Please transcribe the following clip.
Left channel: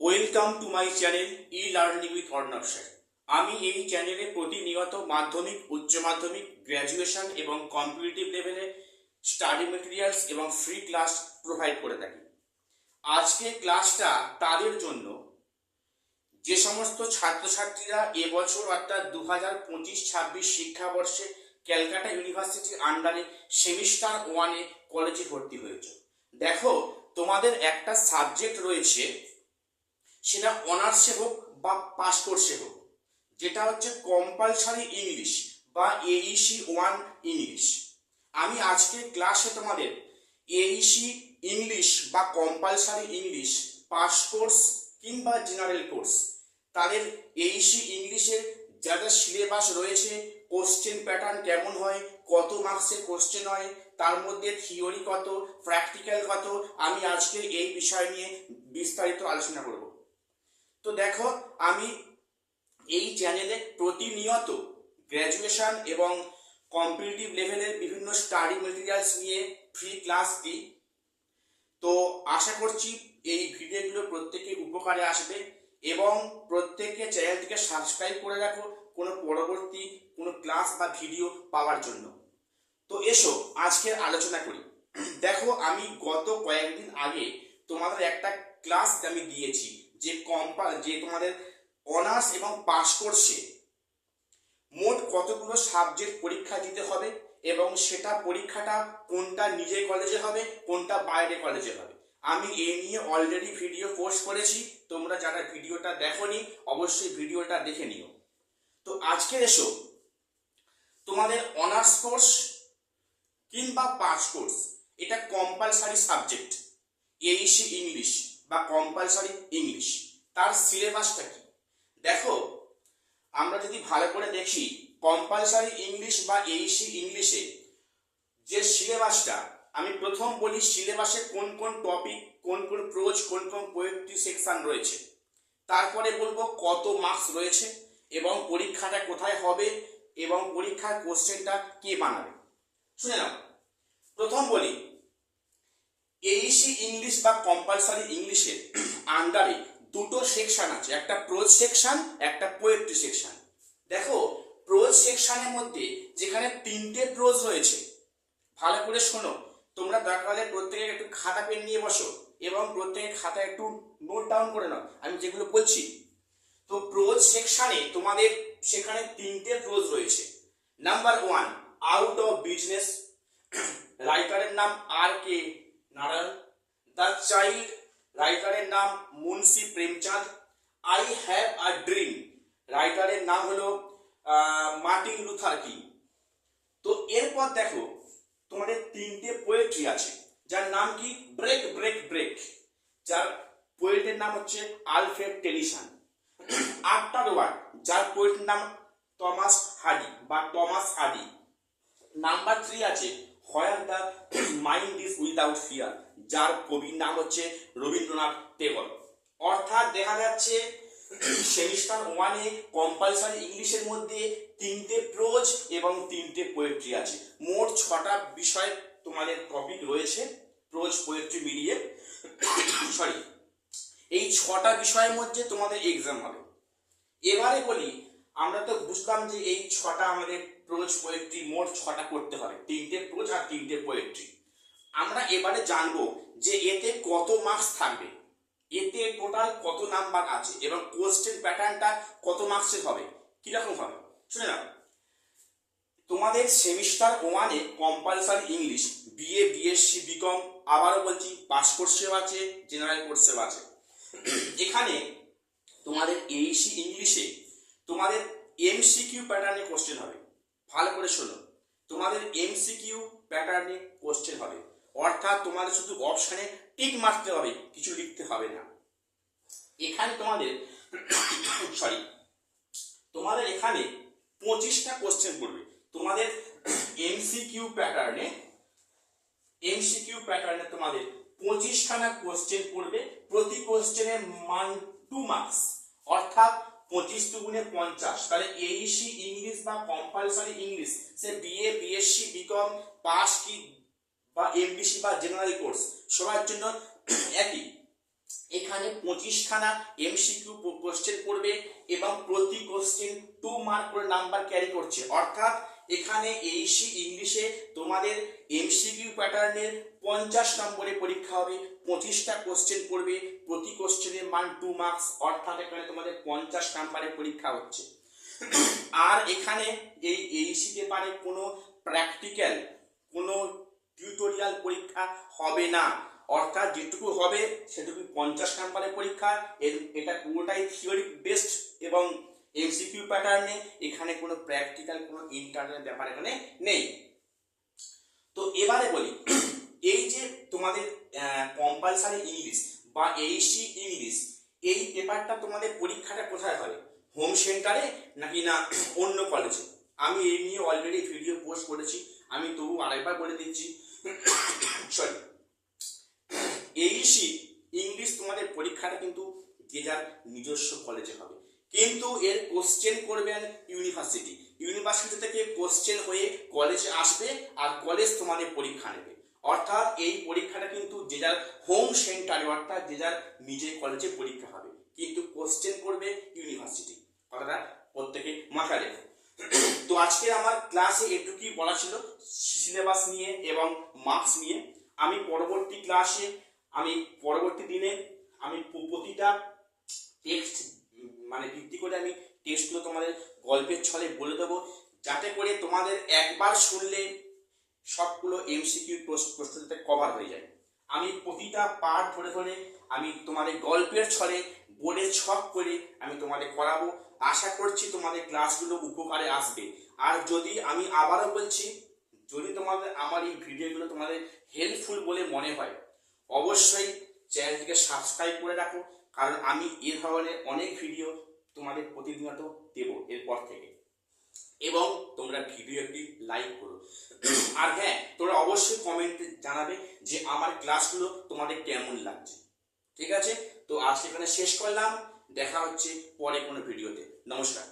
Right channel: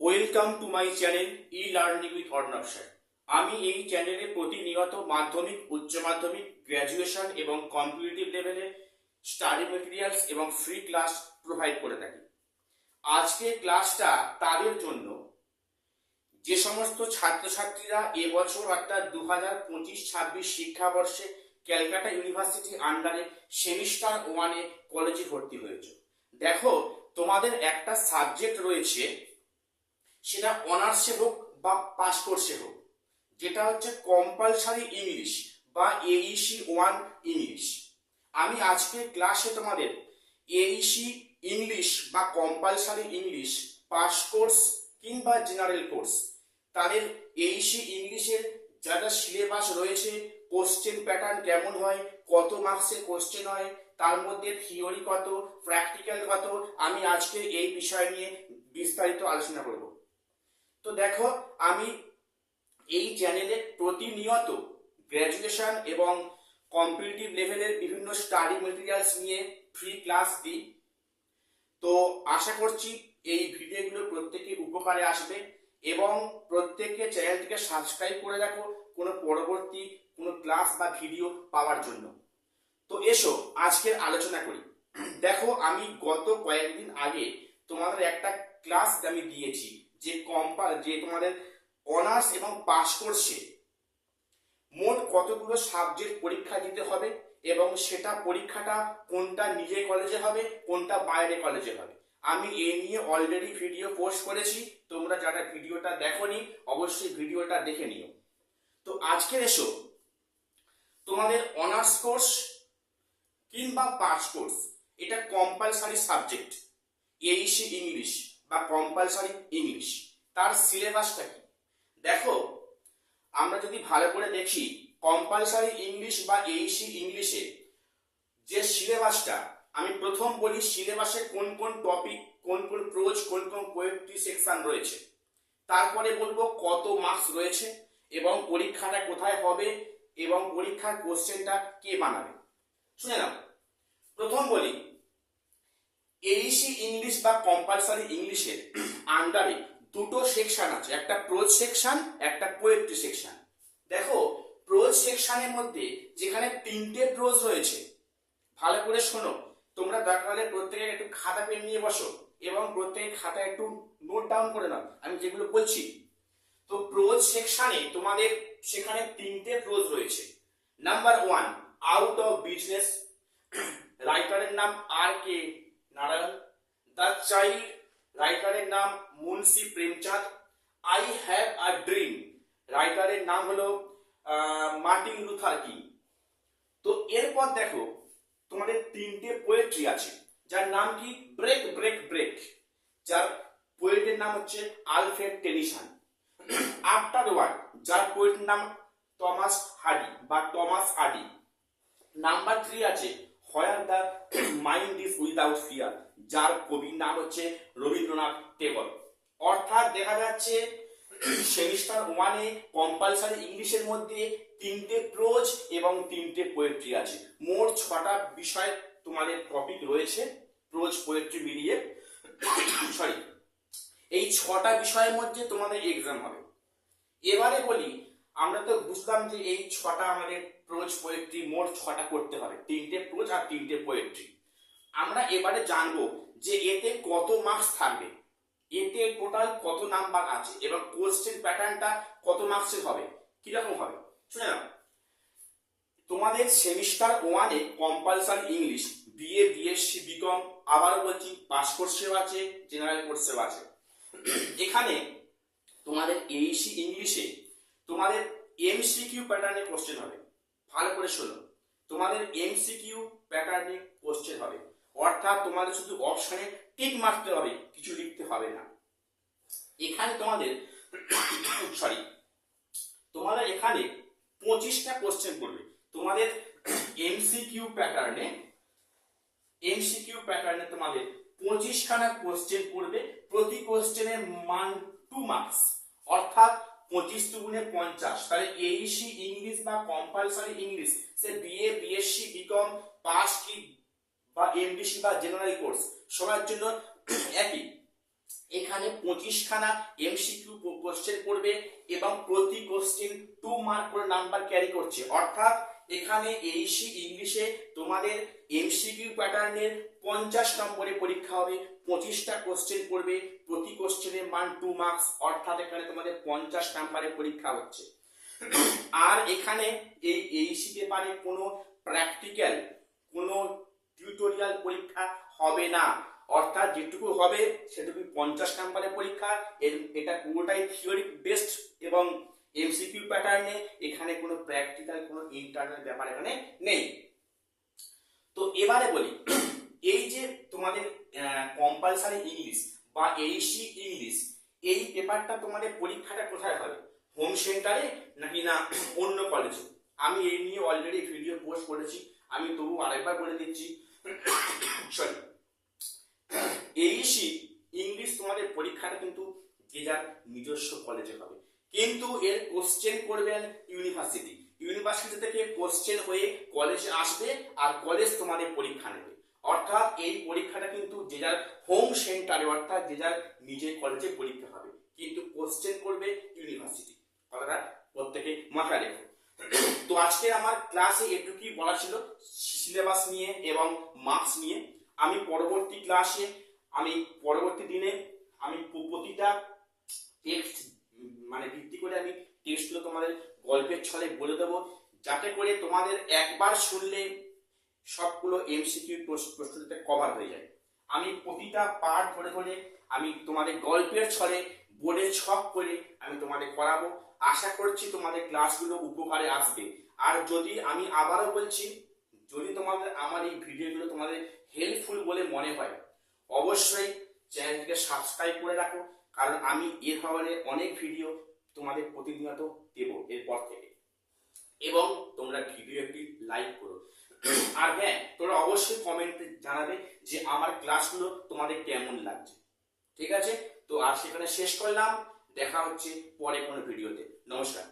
Welcome to my channel e learning with Arnab sir. আমি এই চ্যানেলে প্রতিনিয়ত মাধ্যমিক, উচ্চ মাধ্যমিক, গ্র্যাজুয়েশন এবং কম্পিটিটিভ লেভেলে স্টাডি মেটেরিয়ালস এবং ফ্রি ক্লাস প্রোভাইড করে থাকি। আজকের ক্লাসটা তাদের জন্য যে সমস্ত ছাত্রছাত্রীরা এবছর অর্থাৎ 2025-26 শিক্ষাবর্ষে ক্যালকাটা ইউনিভার্সিটির আন্ডারে সেমিস্টার ওয়ানে কলেজে ভর্তি হয়েছে। দেখো, তোমাদের একটা সাবজেক্ট রয়েছে, সেটা অনার্সে হোক বা পাস কোর্সে হোক, যেটা হচ্ছে কম্পালসারি ইংলিশ বা এইসি ওয়ান ইংলিশ। আমি আজকে ক্লাসে তোমাদের এইসি ইংলিশ বা কম্পালসারি ইংলিশ পাস কোর্স কিংবা জেনারেল কোর্স, তাদের এইসি ইংলিশের যা যা সিলেবাস রয়েছে, কোশ্চেন প্যাটার্ন কেমন হয়, কত মার্কসের কোশ্চেন হয়, তার মধ্যে থিওরি কত, প্র্যাকটিক্যাল কত, আমি আজকে এই বিষয় নিয়ে বিস্তারিত আলোচনা করব। তো দেখো, আমি এই চ্যানেলে প্রতিনিয়ত গ্র্যাজুয়েশন এবং কম্পিটিটিভ লেভেলের বিভিন্ন স্টাডি মেটেরিয়ালস নিয়ে ফ্রি ক্লাস দিই। তো আশা করছি এই ভিডিওগুলো প্রত্যেকের উপকারে আসবে এবং প্রত্যেককে চ্যানেলটিকে সাবস্ক্রাইব করে রাখো কোনো পরবর্তী কোনো ক্লাস বা ভিডিও পাওয়ার জন্য। তো এসো আজকের আলোচনা করি। দেখো, আমি গত কয়েকদিন আগে তোমাদের একটা ক্লাস আমি দিয়েছি যে তোমাদের অনার্স এবং পাস কোর্সে মোট কতগুলো সাবজেক্ট পরীক্ষা দিতে হবে এবং সেটা পরীক্ষাটা কোনটা নিজের কলেজে হবে, কোনটা বাইরে কলেজে হবে। আমি এ নিয়ে অলরেডি ভিডিও পোস্ট করেছি, তোমরা যারা ভিডিওটা দেখোনি অবশ্যই ভিডিওটা দেখে নিও। তো আজকে এসো, তোমাদের অনার্স কোর্স কিংবা পাস কোর্স, এটা কম্পালসারি সাবজেক্ট এইসি ইংলিশ বা কম্পালসারি ইংলিশ, তার সিলেবাসটা কি? দেখো, আমরা যদি ভালো করে দেখি, কম্পালসারি ইংলিশ বা এইসি ইংলিশে যে সিলেবাসটা, আমি প্রথম বলি সিলেবাসে কোন কোন টপিক, কোন কোন প্রোজ, কোন কোন পোয়েট্রি সেকশন রয়েছে, তারপরে বলবো কত মার্কস রয়েছে এবং পরীক্ষাটা কোথায় হবে এবং পরীক্ষার কোশ্চেনটা কে বানাবে। শুনে নাও, প্রথম বলি এইসি ইংলিশ বা কম্পালসারি ইংলিশের আন্ডারে দুটো সেকশন আছে, একটা প্রোজ সেকশন, একটা পোয়েট্রি সেকশন। দেখো, প্রোজ সেকশনের মধ্যে যেখানে 3টে প্রোজ রয়েছে, ভালো করে শোনো, তোমরা দরকার হলে প্রত্যেকে একটু খাতা পেন নিয়ে বসো এবং প্রত্যেকে খাতা একটু নোট ডাউন করে নাও আমি যেগুলো বলছি। তো প্রোজ সেকশনে তোমাদের সেখানে 3টে প্রোজ রয়েছে। নাম্বার 1, আউট অফ বিজনেস, রাইটারের নাম আর.কে. নারায়ণ। দ্য চাইল্ড, রাইটারের নাম Munshi Premchand. I have a dream, রাইটারের নাম হলো মার্টিন লুথার কিং। তো এরপর দেখো, তোমাদের 3টে পোয়েট্রি আছে, যার নাম কি ব্রেক ব্রেক ব্রেক, যার পোয়েটের নাম হচ্ছে আলফ্রেড টেনিসন। আফটার ওয়ার্ড, যার পোয়েটের নাম টমাস হার্ডি বা টমাস হার্ডি। নাম্বার 3 আছে where the mind is without fear, যার কবির নাম হচ্ছে রবীন্দ্রনাথ টেগর। অর্থাৎ দেখা যাচ্ছে সেমিস্টার ওয়ানে কম্পালসারি ইংলিশের মধ্যে 3টে প্রোজ এবং 3টে পোয়েট্রি আছে। মোট 6টা বিষয় তোমাদের টপিক রয়েছে, প্রোজ পোয়েট্রি মিলিয়ে। সরি, এই 6টা বিষয়ের মধ্যে তোমাদের এক্সাম হবে। এবারে বলি, আমরা তো বুঝলাম যে এই 6টা আমাদের প্রোজ পোয়েট্রি মোট 6টা করতে হবে, 3টে প্রোজ আর 3টে পোয়েট্রি। আমরা এবারে জানবো যে এতে কত মার্কস থাকবে, এতে টোটাল কত নাম্বার আছে এবং কোশ্চেন প্যাটার্নটা কত মার্কসের হবে, কিরকম হবে। শুনে নাও, তোমাদের সেমিস্টার ওয়ানে compulsory English BA, BSc, BCom, আবারও বলছি পাস কোর্সেও আছে, জেনারেল কোর্সেও আছে। এখানে তোমাদের এইসি ইংলিশে তোমাদের এমসিকিউ প্যাটার্নে কোশ্চেন হবে। ভালো করে শোনো, তোমাদের এমসিকিউ প্যাটার্নে কোশ্চেন হবে, অর্থাৎ তোমাদের শুধু অপশনে টিক মারতে হবে, কিছু লিখতে হবে না। এখানে তোমাদের তোমাদের এখানে 25টা কোশ্চেন করবে। তোমাদের এমসিকিউ প্যাটার্নে তোমাদের 25খানা কোশ্চেন করবে, প্রতি কোশ্চেনের মান 2 মার্কস, অর্থাৎ 25 দুগুণে 50। তাহলে এইসি ইংলিশ বা কম্পালসারি ইংলিশ, সে বিএ, বিএসসি, বিকম, পাস কি বা এমডিসি বা জেনারেল কোর্স, সবার জন্য একই। এখানে 25খানা এমসিকিউ কোশ্চেন পড়বে এবং প্রতি কোশ্চেন 2 মার্ক করে নাম্বার ক্যারি করছে। অর্থাৎ এখানে এইসি ইংলিশে তোমাদের এমসিকিউ প্যাটার্নের 50 নম্বরে পরীক্ষা হবে, 25টা কোশ্চেন পড়বে, প্রতি কোশ্চেনের মান 2 মার্কস, অর্থাৎ এখানে তোমাদের 50 নম্বরে পরীক্ষা হচ্ছে। আর এখানে এই এইসি পেপারে কোনো প্র্যাকটিক্যাল, কোনো টিউটোরিয়াল পরীক্ষা হবে না, অর্থাৎ যেটুকু হবে সেটুকু 50 নম্বরের পরীক্ষা। এটা পুরোটাই থিওরি বেসড এবং এমসিকিউ প্যাটার্নে, এখানে কোনো প্র্যাকটিক্যাল, কোনো ইন্টারনাল ব্যাপার এখানে নেই। তো এবারে বলি, এই যে তোমাদের কম্পালসারি ইংলিশ বা এইসি ইংলিশ, এই পেপারটা তোমাদের পরীক্ষাটা কোথায় হবে? হোম সেন্টারে নাকি না অন্য কলেজে? আমি এই নিয়ে অলরেডি ভিডিও পোস্ট করেছি, আমি তবু আরেকবার বলে দিচ্ছি। সরি, এইসি ইংলিশ তোমাদের পরীক্ষাটা কিন্তু যে যার নিজস্ব কলেজে হবে, কিন্তু এর কোশ্চেন করবেন ইউনিভার্সিটি থেকে কোশ্চেন হয়ে কলেজে আসবে, আর কলেজ তোমাদের পরীক্ষা নেবে। অর্থাৎ এই পরীক্ষাটা কিন্তু যে যার হোম সেন্টারে, অর্থাৎ যে যার নিজের কলেজে পরীক্ষা হবে, কিন্তু কোশ্চেন করবে ইউনিভার্সিটি। কথাটা প্রত্যেকে মাথায় রেখো। তো আজকে আমার ক্লাসে এটুকুই বলা ছিল সিলেবাস নিয়ে এবং মার্কস নিয়ে। আমি পরবর্তী ক্লাসে, আমি পরবর্তী দিনে আমি প্রতিটা টেক্সট মানে ভিত্তি করে আমি টেক্সটগুলো তোমাদের গল্পের ছলে বলে দেবো, যাতে করে তোমাদের একবার শুনলে সবগুলো এমসিকিউ প্রশ্নতে কভার হয়ে যায়। আমি প্রতিটা পার্ট ধরে ধরে আমি তোমাদের গল্পের ছলে বোর্ডে ছক করে আমি তোমাদের করাবো। আশা করছি তোমাদের ক্লাসগুলো উপকারে আসবে। আর যদি, আমি আবারও বলছি, যদি তোমাদের আমার এই ভিডিওগুলো তোমাদের হেল্পফুল বলে মনে হয়, অবশ্যই চ্যানেলটিকে সাবস্ক্রাইব করে রাখো, কারণ আমি এ ধরনের অনেক ভিডিও তোমাদের প্রতিনিয়ত দেবো এরপর থেকে। এবং তোমরা ভিডিও একটি লাইক করো। আর হ্যাঁ, তোমরা অবশ্যই কমেন্টে জানাবে যে আমার ক্লাসগুলো তোমাদের কেমন লাগছে। ঠিক আছে, তো আজকে এখানে শেষ করলাম, দেখা হচ্ছে পরে কোনো ভিডিওতে। নমস্কার।